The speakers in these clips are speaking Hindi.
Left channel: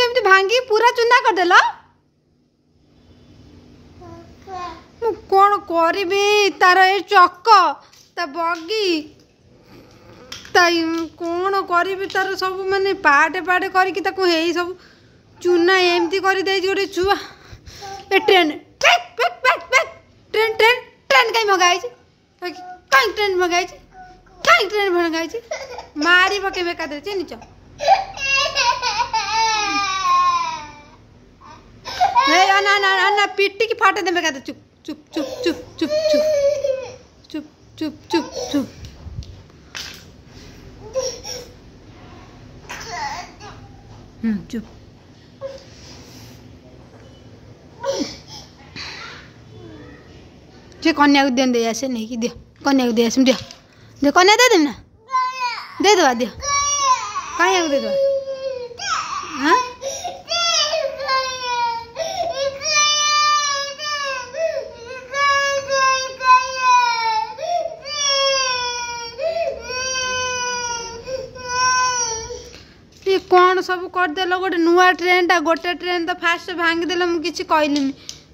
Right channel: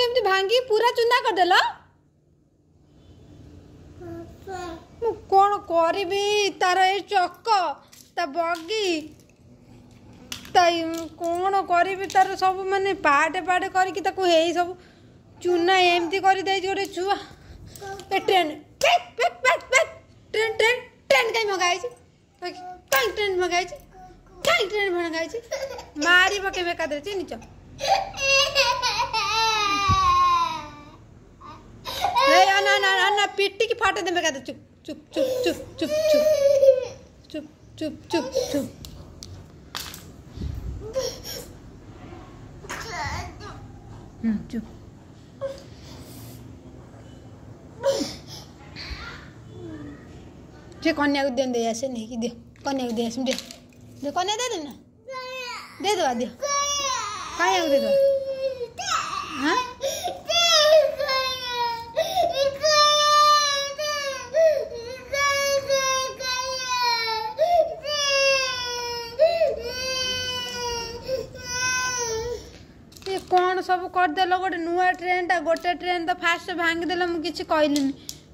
केमती भांगी पूरा चुना करदेल कौन करी तार ए चक ता बगी कौन करी तार सब माने पाटे पाटे करके ताकू हे सब चुना एमती कर दे गोटे छुआ ए ट्रेन ट्रेन ट्रेन ट्रेन कहीं मंगाई कहीं ट्रेन मंगाई कहीं ट्रेन मंगाई मारी पके बेकार चिन्ह ना पिटी की फाटे दे बेकार चुप चुप चुप चुप चुप चुप चुप चुप चुप चुप जे कन्या को दे आसे नहीं कि दियो कन्या को दे आसे दियो कन्या दे देना दे दो दियो कन्या को दे दो हाँ कौन सब करदेल गोटे नुआ ट्रेन टा गोटे ट्रेन तो फास्ट भांगीदेल मुझे किसी कहली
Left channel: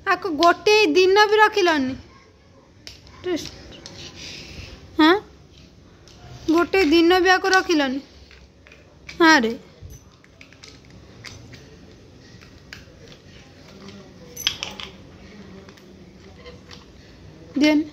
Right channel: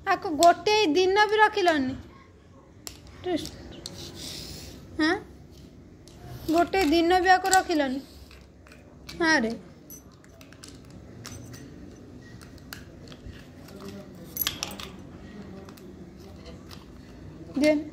आपको गोटे दिन भी रखिलनि हाँ गोटे दिन भी आपको रखिलनि हाँ रे देन